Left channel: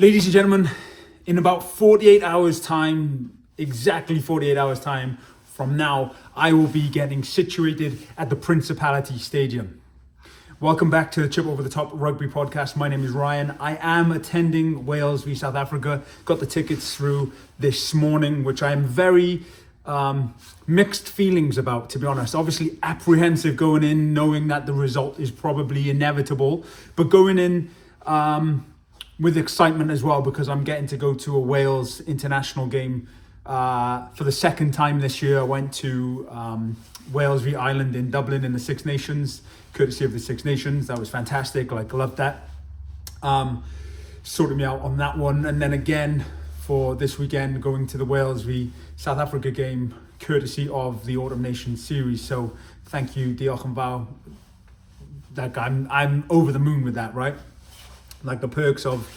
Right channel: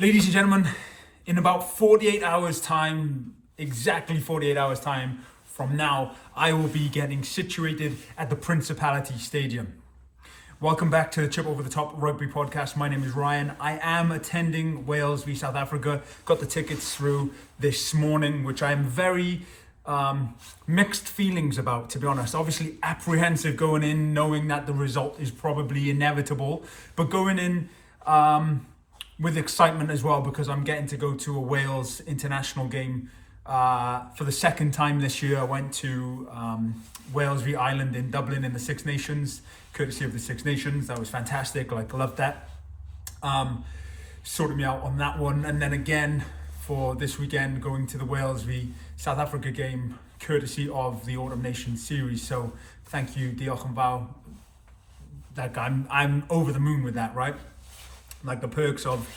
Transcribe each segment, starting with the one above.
Ladies and gentlemen, in about 48 hours time, exactly 48 hours time from now, I will be getting situated at the Principality Stadium. Welcome back to the Chip Over the Top Rugby podcast. My name is Ryan. I am attending Wales v South Africa. Got the tickets through this morning, which I am very mixed feelings about, to be honest. Obviously apprehensive going in, knowing that the result is probably inevitable, but going in with excitement as well, because I'm getting to go to a Wales international game for the second time this year. I went to Wales v Ireland in Dublin in the Six Nations, courtesy of the Six Nations. That was fantastic. Loved that. Sorted me out on that one. And then again for this weekend, going to the Wales v South Africa game, courtesy of the Autumn Nations series. So thank you, Diolch Yn Fawr. I'm over the moon with that, right? Like the perks of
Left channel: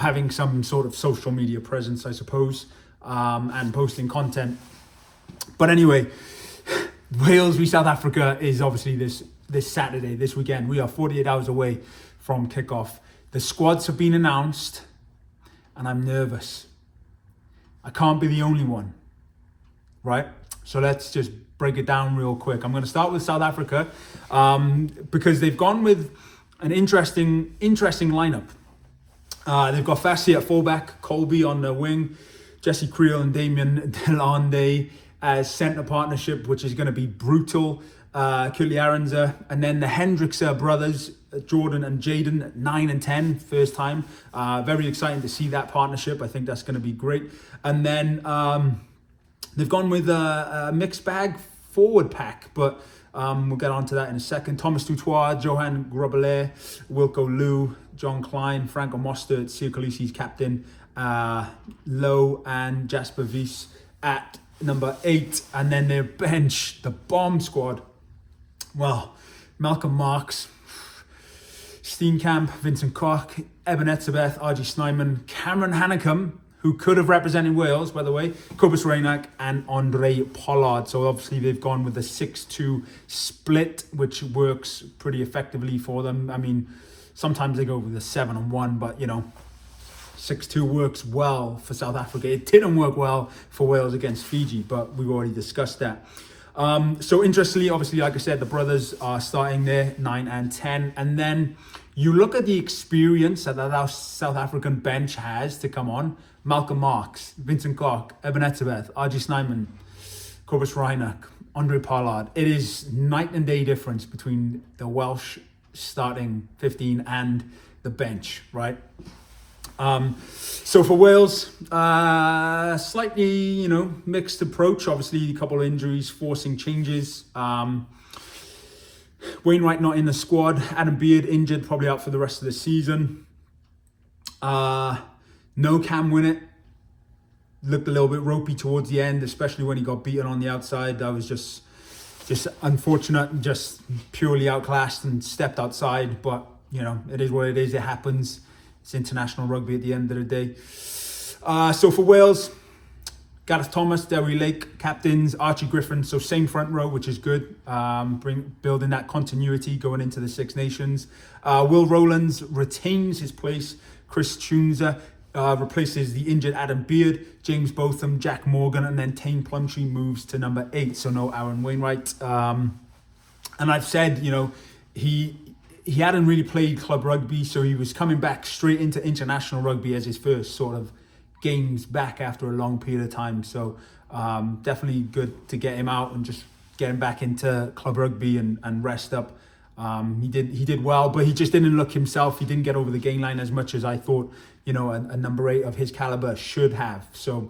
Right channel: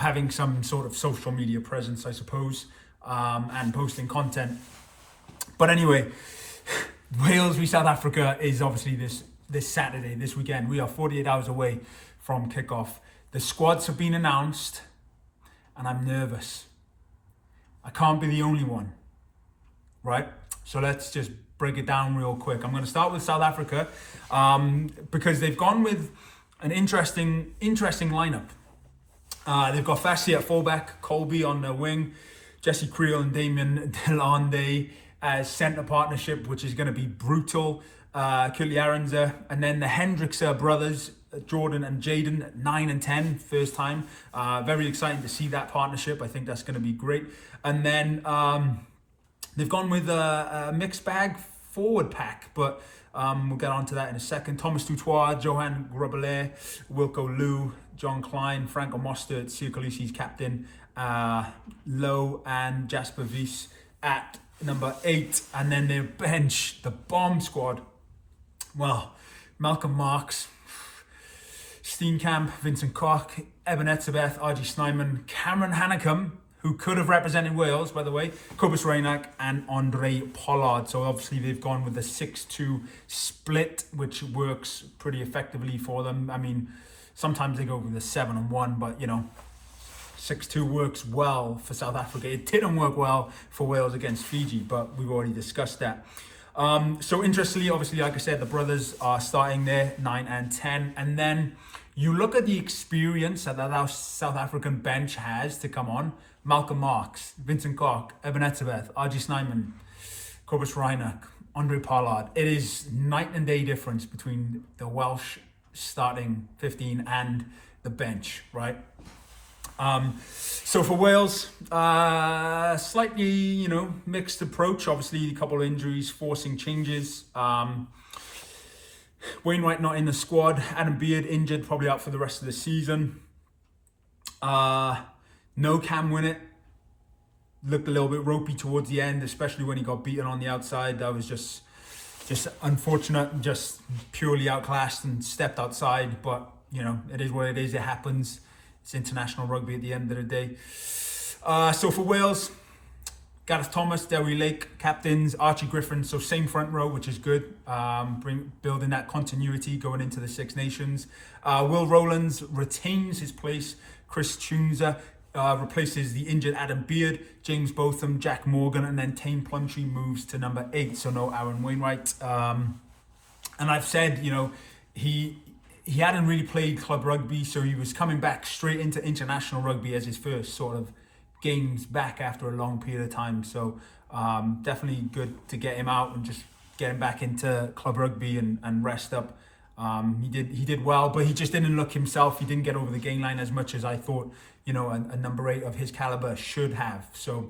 having some sort of social media presence, I suppose, and posting content. But anyway, Wales v South Africa is obviously this Saturday, this weekend. We are 48 hours away from kickoff. The squads have been announced, and I'm nervous. I can't be the only one, right? So let's just break it down real quick. I'm going to start with South Africa because they've gone with an interesting lineup. They've got Fassi at fullback, Colby on the wing, Jesse Creel and Damien Delande as centre partnership, which is going to be brutal. Curtly Arendse, and then the Hendricks brothers, Jordan and Jaden, at 9 and 10, first time. Very exciting to see that partnership. I think that's going to be great. And then they've gone with a mixed bag forward pack, but we'll get on to that in a second. Thomas Tutoir, Johan Grobelaar, Wilco Liu, John Klein, Franco Mostert, Siya Kolisi's captain, Lowe and Jasper Wies at number 8. And then their bench, the bomb squad. Well, Malcolm Marks, Steenkamp, Vincent Koch, Eben Etzebeth, RG Snyman, Cameron Hanekom, who could have represented Wales, by the way, Cobus Reinach and Andre Pollard. So obviously they've gone with the 6-2 split, which works pretty effectively for them. I mean, sometimes they go with a 7-1, but 6-2 works well for South Africa. It didn't work well for Wales against Fiji, but we've already discussed that. So interestingly, obviously, like I said, the brothers are starting there, 9 and 10. And then you look at the experience that our South African bench has to come on. Malcolm Marks, Vincent Koch, Eben Etzebeth, RG Snyman, Cobus Reinach, Andre Pollard. It is night and day difference between the Welsh starting 15 and the bench, right? So for Wales, slightly, mixed approach. Obviously, a couple of injuries forcing changes. Wainwright not in the squad. Adam Beard injured, probably out for the rest of the season. No Cam Winnett. Looked a little bit ropey towards the end, especially when he got beaten on the outside. That was just unfortunate, just purely outclassed and stepped outside. But, it is what it is. It happens. It's international rugby at the end of the day. So for Wales, Gareth Thomas, Dewi Lake, captains, Archie Griffin. So same front row, which is good. Building that continuity going into the Six Nations. Will Rowlands retains his place. Chris Chunza replaces the injured Adam Beard. James Botham, Jack Morgan, and then Tane Plumtree moves to number 8. So no Aaron Wainwright. And I've said, he hadn't really played club rugby, so he was coming back straight into international rugby as his first sort of games back after a long period of time. So definitely good to get him out and just get him back into club rugby and rest up. He did well, but he just didn't look himself. He didn't get over the gain line as much as I thought, a number 8 of his caliber should have. So,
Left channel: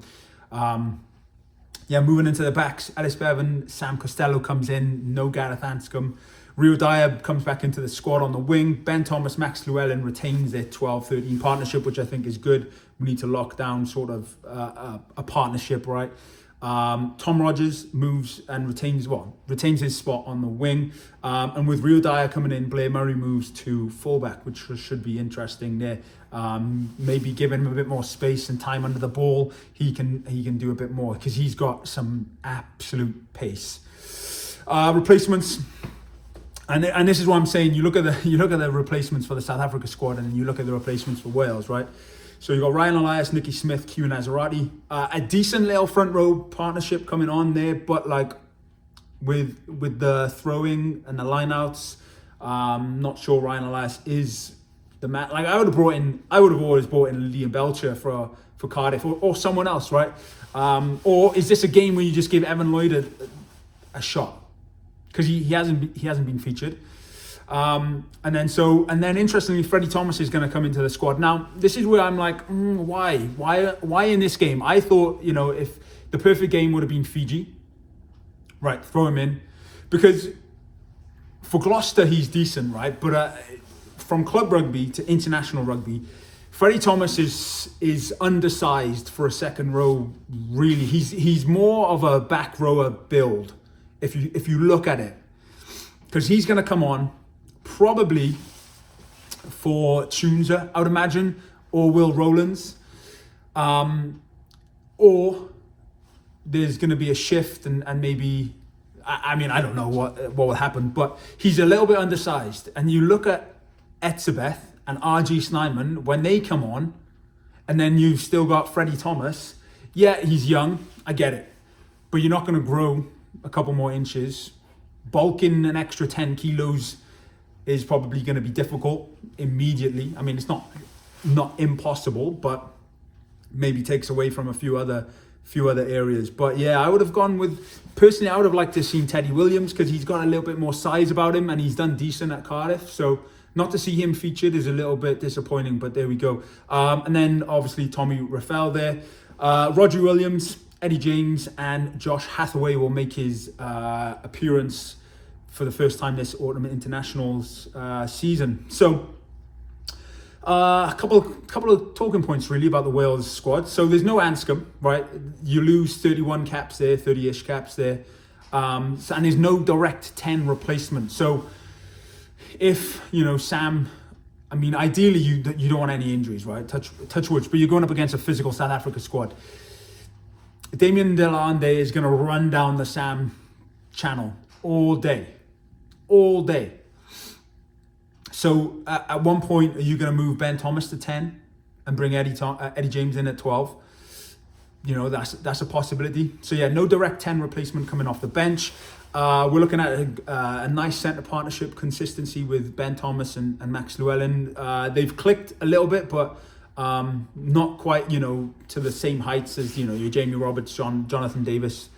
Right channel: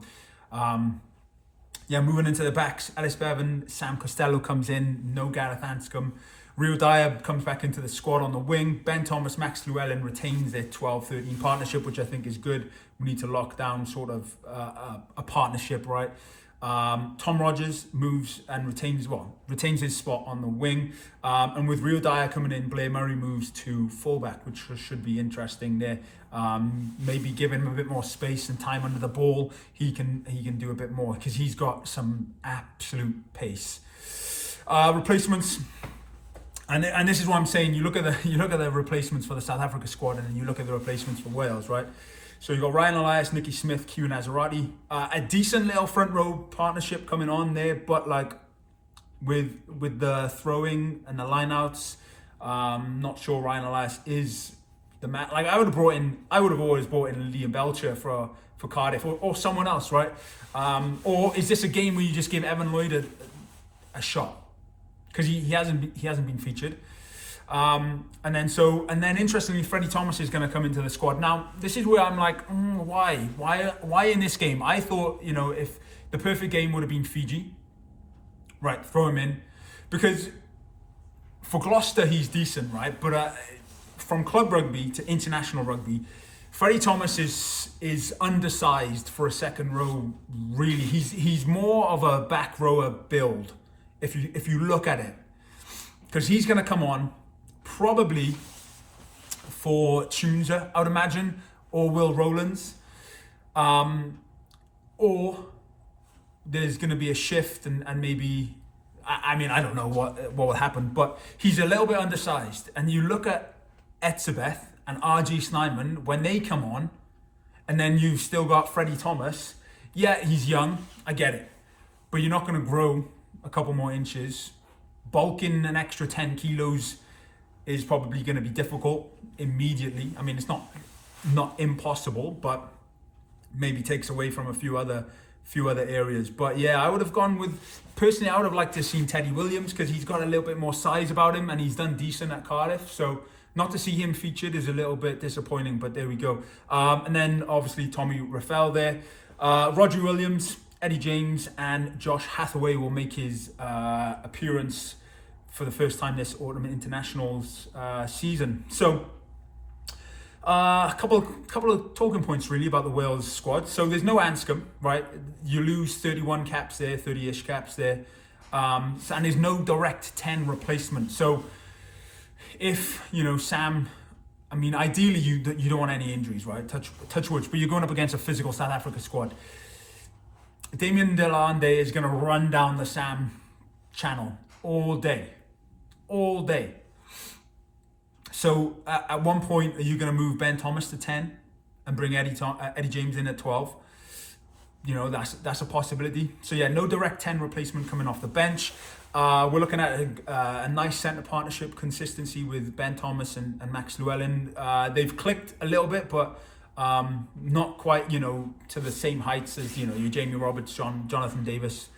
moving into the backs, Alice Bevan, Sam Costello comes in, no Gareth Anscombe. Rio Dyer comes back into the squad on the wing. Ben Thomas, Max Llewellyn retains their 12-13 partnership, which I think is good. We need to lock down sort of a partnership, right? Tom Rogers moves and retains his spot on the wing. And with Rio Dyer coming in, Blair Murray moves to fullback, which should be interesting there. Maybe give him a bit more space and time under the ball. He can do a bit more because he's got some absolute pace. Replacements. And this is what I'm saying. You look at the replacements for the South Africa squad, and then you look at the replacements for Wales, right? So you got Ryan Elias, Nicky Smith, Q Nazarati. A decent little front row partnership coming on there, but like with the throwing and the lineouts, not sure Ryan Elias is the man. Like I would have always brought in Liam Belcher for Cardiff or someone else, right? Or is this a game where you just give Evan Lloyd a shot? Because he hasn't been featured. And then interestingly, Freddie Thomas is going to come into the squad. Now, this is where I'm like, why in this game? I thought, if the perfect game would have been Fiji, right, throw him in. Because for Gloucester, he's decent, right? But from club rugby to international rugby, Freddie Thomas is undersized for a second row, really. He's more of a back rower build, if you look at it. Because he's going to come on, probably for Tunza, I would imagine, or Will Rowlands. Or there's going to be a shift and maybe, I don't know what will happen, but he's a little bit undersized. And you look at Etzebeth and RG Snyman, when they come on, and then you've still got Freddie Thomas. Yeah, he's young, I get it. But you're not going to grow a couple more inches. Bulking an extra 10 kilos is probably going to be difficult immediately. I mean, it's not impossible, but maybe takes away from a few other areas. But yeah, I would have gone with, personally, I would have liked to have seen Teddy Williams because he's got a little bit more size about him and he's done decent at Cardiff. So not to see him featured is a little bit disappointing, but there we go. And then obviously Tommy Raphael there. Roger Williams, Eddie James and Josh Hathaway will make his appearance for the first time this autumn internationals season. So a couple of talking points really about the Wales squad. So there's no Anscombe, right? You lose 31 caps there, 30-ish caps there. And there's no direct 10 replacement. So if, Sam, I mean, ideally you don't want any injuries, right? Touch wood, but you're going up against a physical South Africa squad. Damien Delande is going to run down the Sam channel all day. So at one point, are you going to move Ben Thomas to 10 and bring Eddie James in at 12? That's a possibility. So yeah, no direct 10 replacement coming off the bench. We're looking at a nice centre partnership consistency with Ben Thomas and Max Llewellyn. They've clicked a little bit, but not quite, to the same heights as, your Jamie Roberts, Jonathan Davis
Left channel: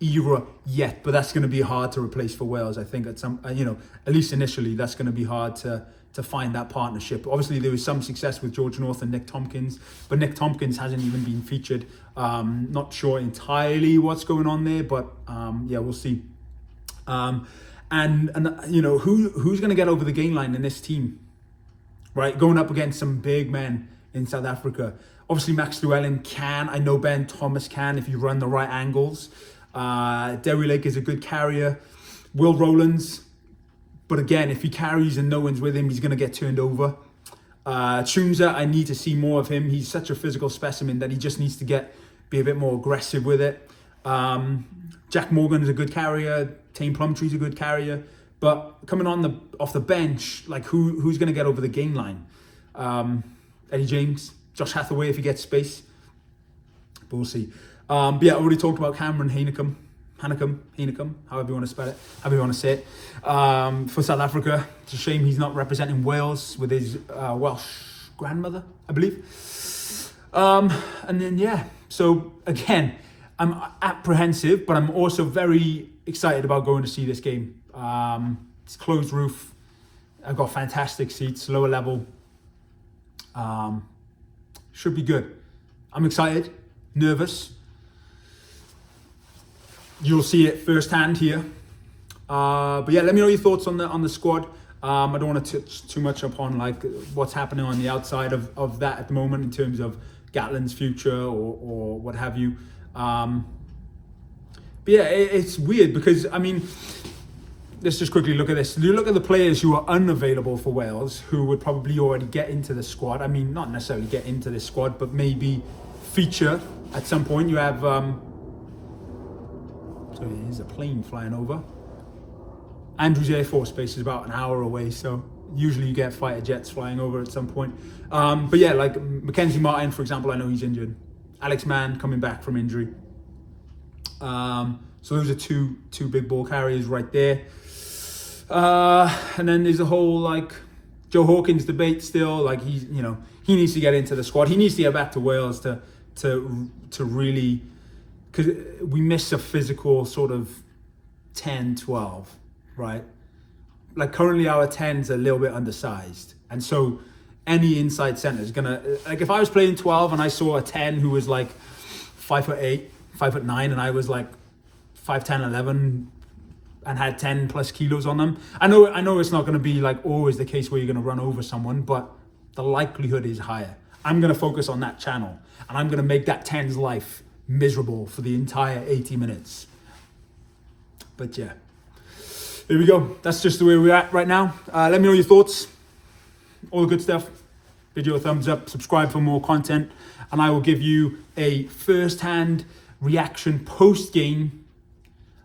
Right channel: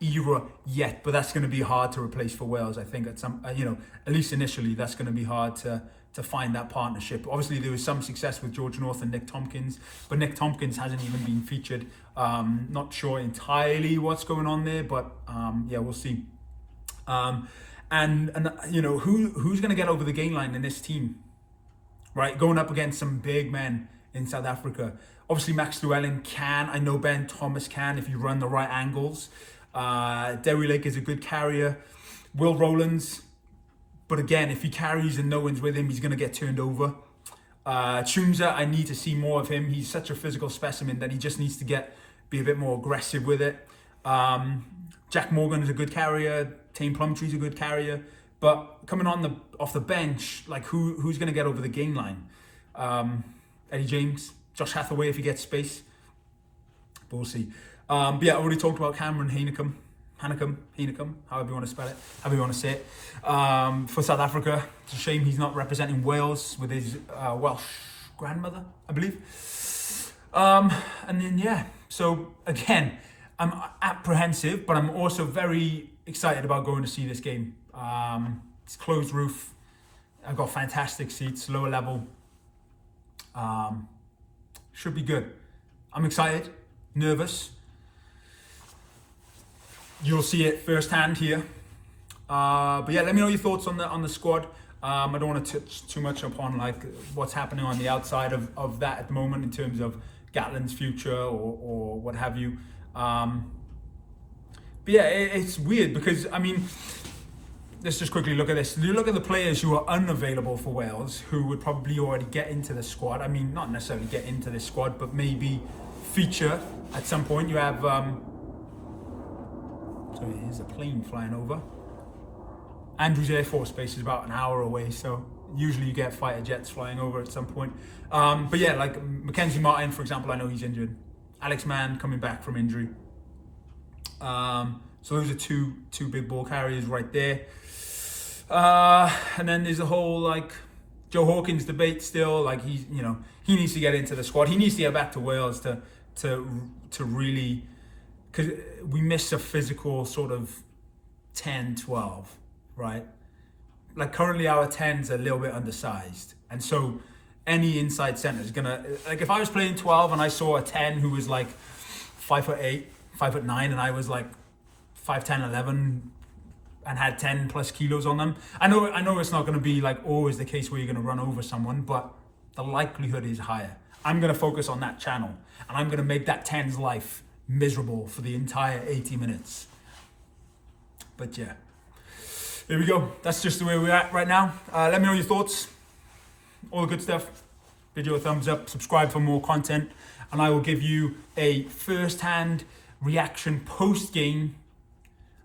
era yet. But that's going to be hard to replace for Wales, I think, at some, at least initially, that's going to be hard to find that partnership. Obviously, there was some success with George North and Nick Tompkins, but Nick Tompkins hasn't even been featured. Not sure entirely what's going on there, but yeah, we'll see. And who's going to get over the gain line in this team, right? Going up against some big men in South Africa. Obviously, Max Llewellyn can. I know Ben Thomas can if you run the right angles. Derry Lake is a good carrier. Will Rowlands, but again, if he carries and no one's with him, he's going to get turned over. Tunza, I need to see more of him. He's such a physical specimen that he just needs to be a bit more aggressive with it. Jack Morgan is a good carrier. Tane Plumtree's a good carrier. But coming off the bench, like who's going to get over the gain line? Eddie James, Josh Hathaway if he gets space. But we'll see. But yeah, I already talked about Cameron Hanekom, however you want to spell it, however you want to say it. For South Africa, it's a shame he's not representing Wales with his Welsh grandmother, I believe. And then yeah, so again, I'm apprehensive, but I'm also very excited about going to see this game. It's closed roof. I've got fantastic seats, lower level. Should be good. I'm excited, nervous. You'll see it firsthand here. But yeah, let me know your thoughts on the squad. I don't want to touch too much upon like what's happening on the outside of that at the moment in terms of Gatland's future or what have you. But yeah, it's weird because, I mean, let's just quickly look at this. You look at the players who are unavailable for Wales, who would probably already get into the squad. I mean, not necessarily get into this squad, but maybe feature at some point. You have, so here's a plane flying over. Andrews Air Force Base is about an hour away, so Usually you get fighter jets flying over at some point. But yeah, like Mackenzie Martin, for example, I know he's injured. Alex Mann coming back from injury. So those are two big ball carriers right there. And then there's a whole like Joe Hawkins debate still. Like he needs to get into the squad. He needs to get back to Wales to really, because we miss a physical sort of 10, 12, right? Like currently our 10's a little bit undersized. And so any inside centre is gonna, like if I was playing 12 and I saw a 10 who was like 5'8", 5'9", and I was like 5'10", 11 and had 10 plus kilos on them. I know it's not gonna be like always the case where you're gonna run over someone, but the likelihood is higher. I'm gonna focus on that channel and I'm gonna make that 10's life miserable for the entire 80 minutes. But yeah, there we go. That's just the way we're at right now. Let me know your thoughts. All the good stuff. Video a thumbs up, subscribe for more content, and I will give you a first-hand reaction post-game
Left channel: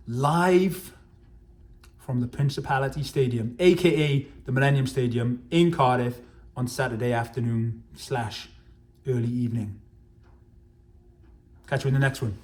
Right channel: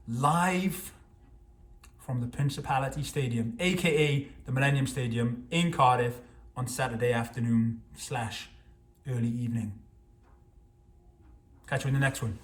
live from the Principality Stadium, aka the Millennium Stadium in Cardiff on Saturday afternoon / early evening. Catch you in the next one.